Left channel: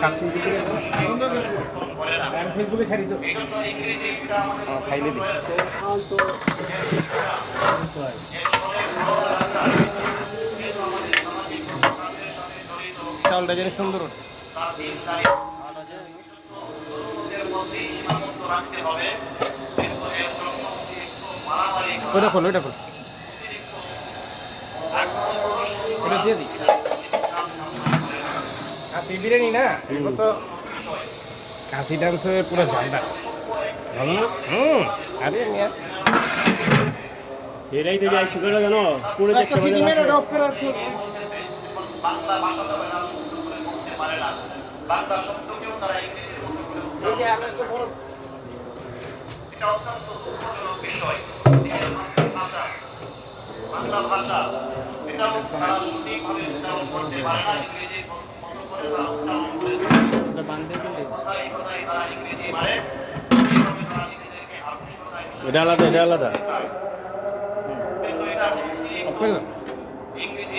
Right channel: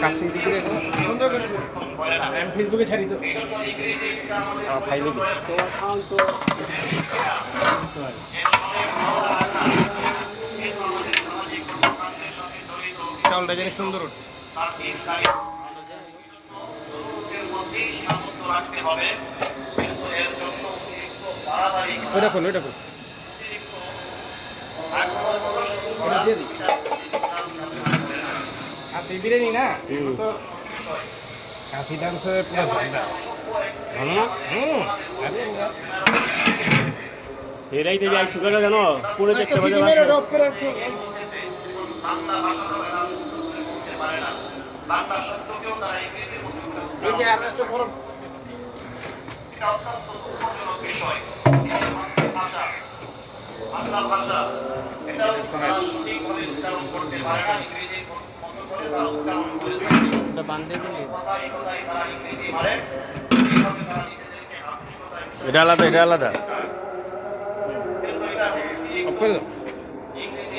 কাছে দিকে ফেসবুকে ছাড়ি তো ফাইলে দিই চাউলটা জানি সুন্দর ওঠে ওটা খোলো ওটা খোলো ওটা দিয়ে দিই কাশি বিরিয়ানি না তো কাশি ডান্সে পুরো ঝান্ডা ভালো না? আরে এরাই তো যাই সুগারটা জানো পুরো দেখতে পাবে বাংলা শব্দকেও তারা ইংরেজির মতো করে এটা অত্যন্ত দুঃখজনক বিষয় ভাষা বাংলা ভাষা এটাও ঠিকভাবে উচ্চারণ করতে পারে না ইংরেজির মতো করে তারা উচ্চারণ করে কথায় কথায় তারা ইংরেজি মারে এইভাবে তারা নিজেদেরকে আধুনিকতায় এটা আলাদা কিন্তু এটা